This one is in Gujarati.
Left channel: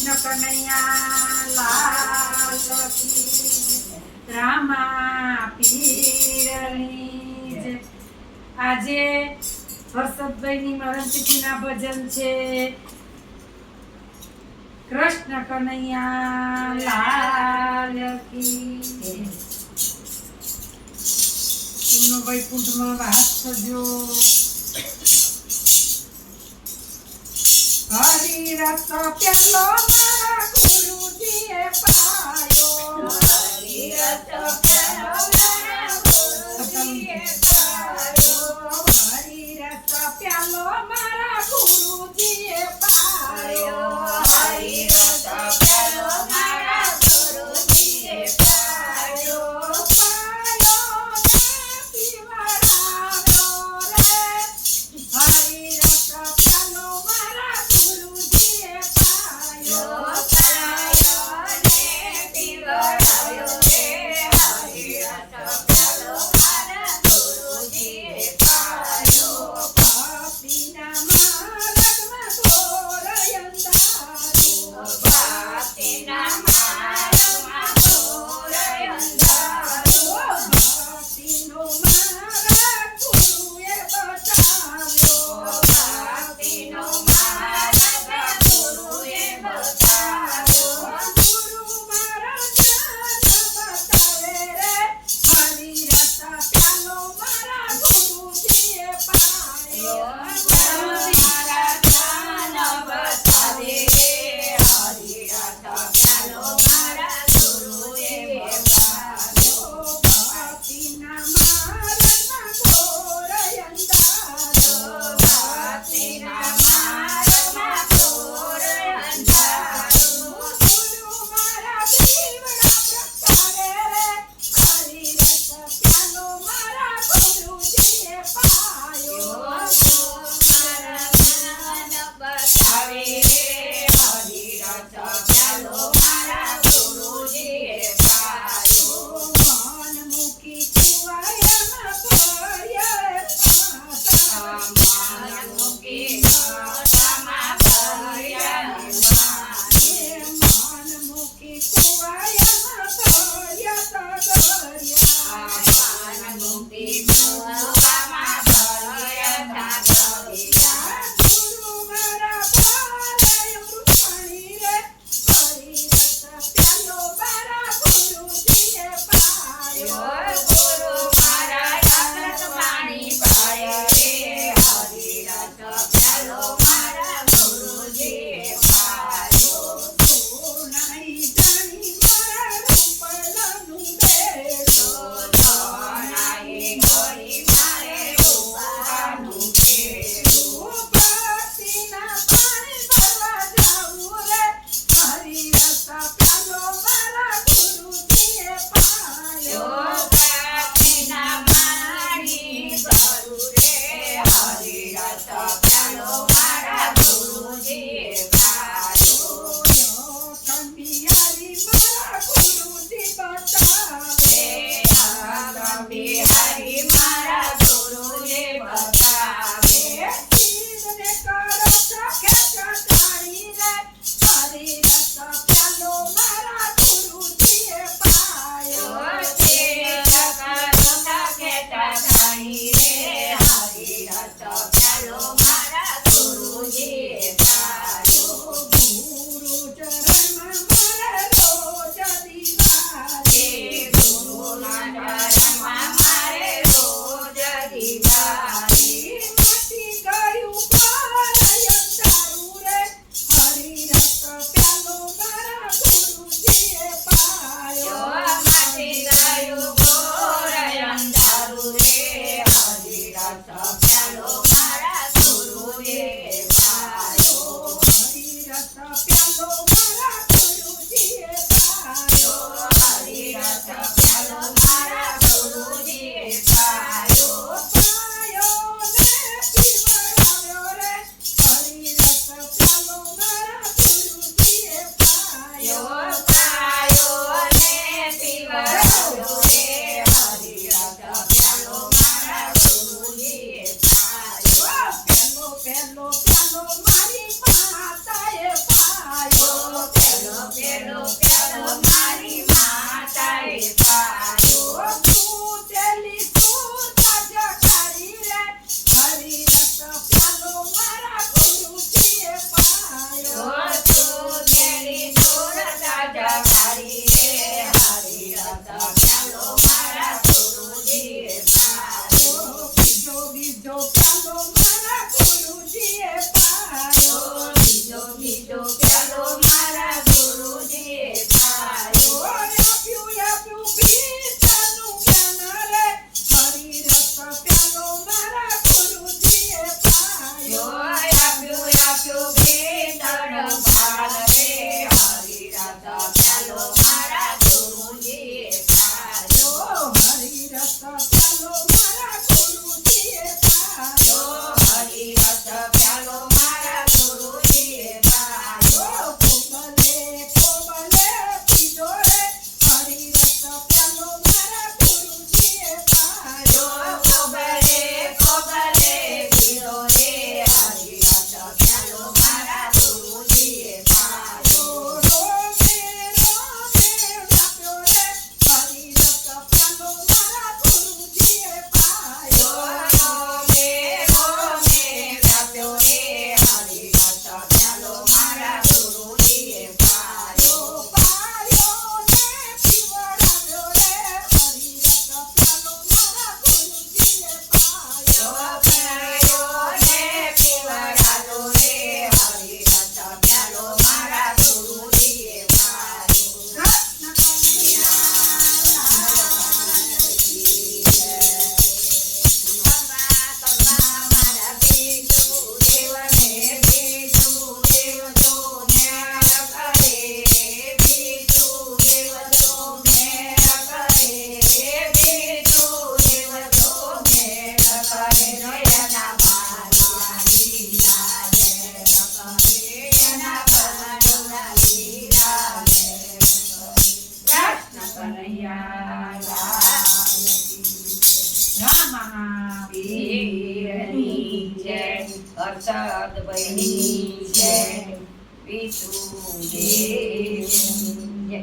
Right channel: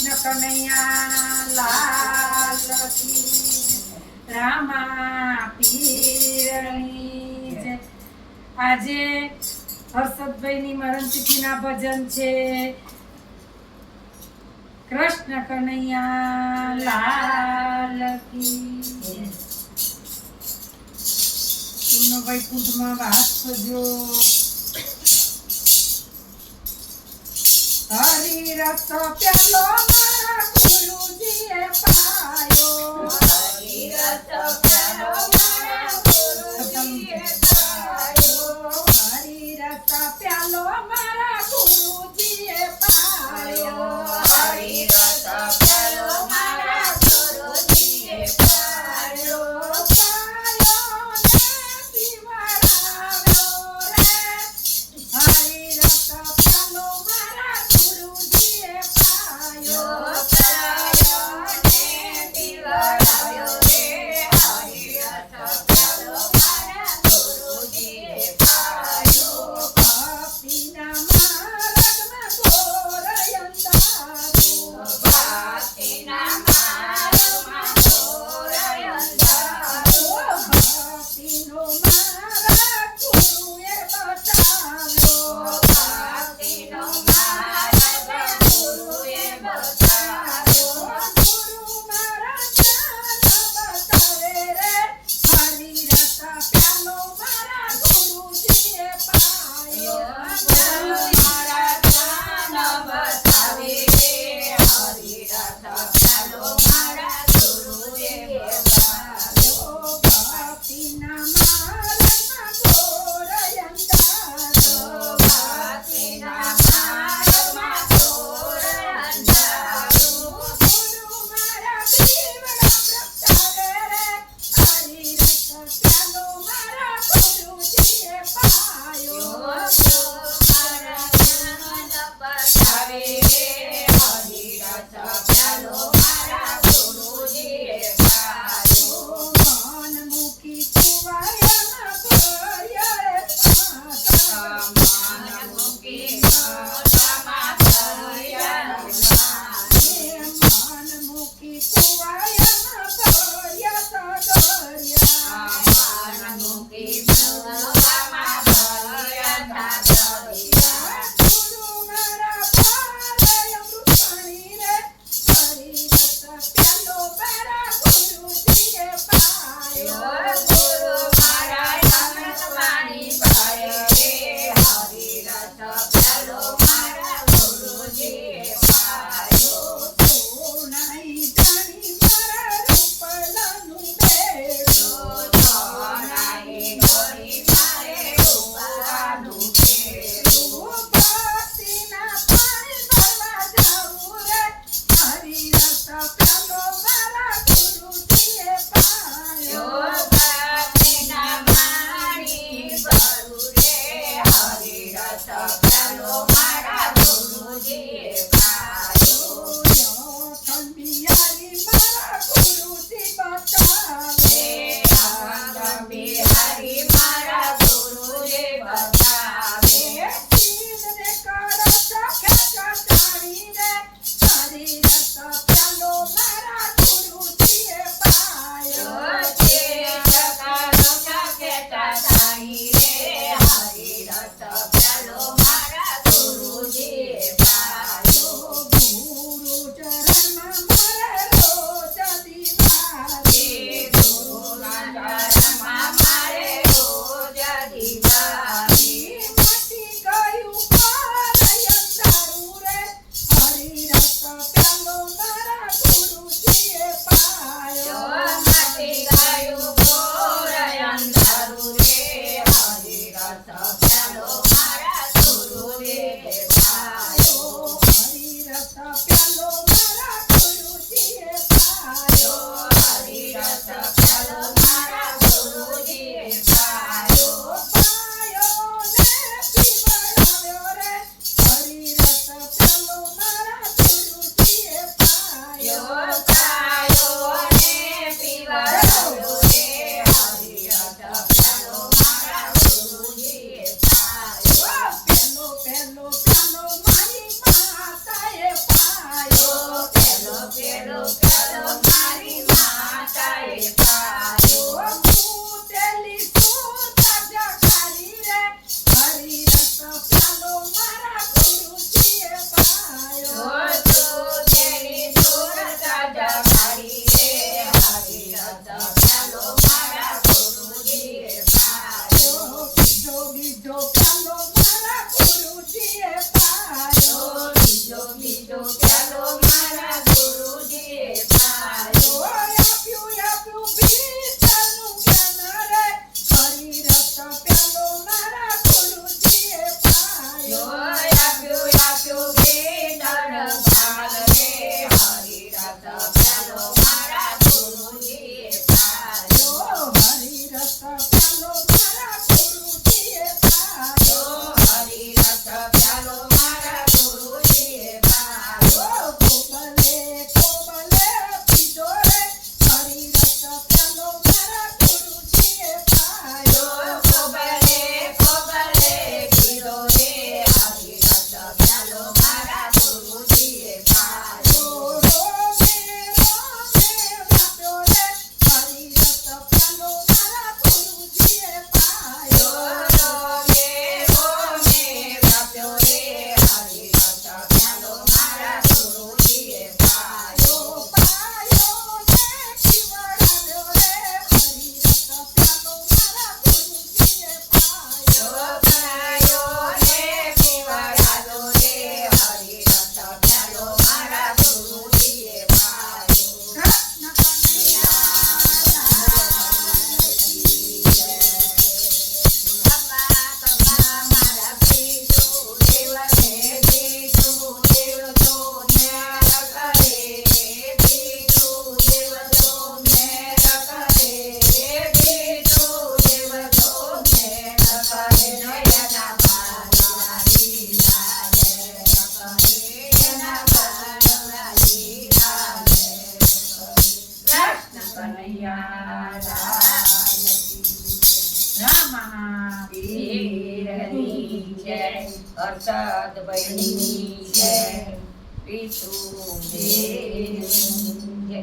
કનૈયા લાલ કી રામા પીરની જય. આજે હર્ષદભાઈની મરણતિથિના ભજન છે. કૃષ્ણ કનૈયા લાલ કી એમનો વૈકુંઠમાં વાસ થજો. હરી રસ પ્યાલો મારા ગુરુજીએ પાયો. હરી રસ પ્યાલો મારા ગુરુજીએ પાયો. હરી રસ પ્યાલો મારા ગુરુજીએ પાયો. હરી રસ પ્યાલો મારા ગુરુજીએ પાયો. પાયો ને પીવડાવ્યો રે. હરી રસ પ્યાલો મારા ગુરુજીએ પાયો. પાયો ને પ્યાલો મારા ગુરુજીએ પાયો. આપ્યું પીતળનું જ્ઞાન રે હરિ રસ પ્યાલો મારા ગુરુજીએ પાયો. આપ્યું ભેટણ ભાગ રે હરિરસ પ્યાલો મારા ગુરુજીએ પાયો. હરિરસ પ્યાલો મારા ગુરુજીએ પાયો. હરિરસ પ્યાલો મારા ગુરુજીએ પાયો. કોબલે પીધો રે હરિરસ પ્યાલો મારા ગુરુજીએ પાયો. કોબલે પીધો રે હરિરસ પ્યાલો મારા ગુરુજીએ પાયો. રોમે વ્યાપ્યો રે હરિરસ પ્યાલો મારા ગુરુજીએ પાયો. રોમે વ્યાપ્યો રે હરિરસ પ્યાલો મારા ગુરુજીએ પાયો. પાયો ને પીવડાવ્યો રે હરિરસ પ્યાલો મારા ગુરુજીએ પાયો. પાયો ને પીવડાવ્યો રે હરિરસ પ્યાલો મારા ગુરુજીએ પાયો. મારા બીજું દેવને બીજું દેવ તો ન્યાય કરે. બીજું દેવ તો ન્યાય કરે. બીજું દેવ તો ન્યાય કરે. એના બાળા લીલા રે કરે. એના બાળા લીલા રે કરે. કૃષ્ણ કનૈયા લાલ રામ મહાવીરની જય. હર્ષદ બહેની જય. વિષ્ણુ દેવની જય.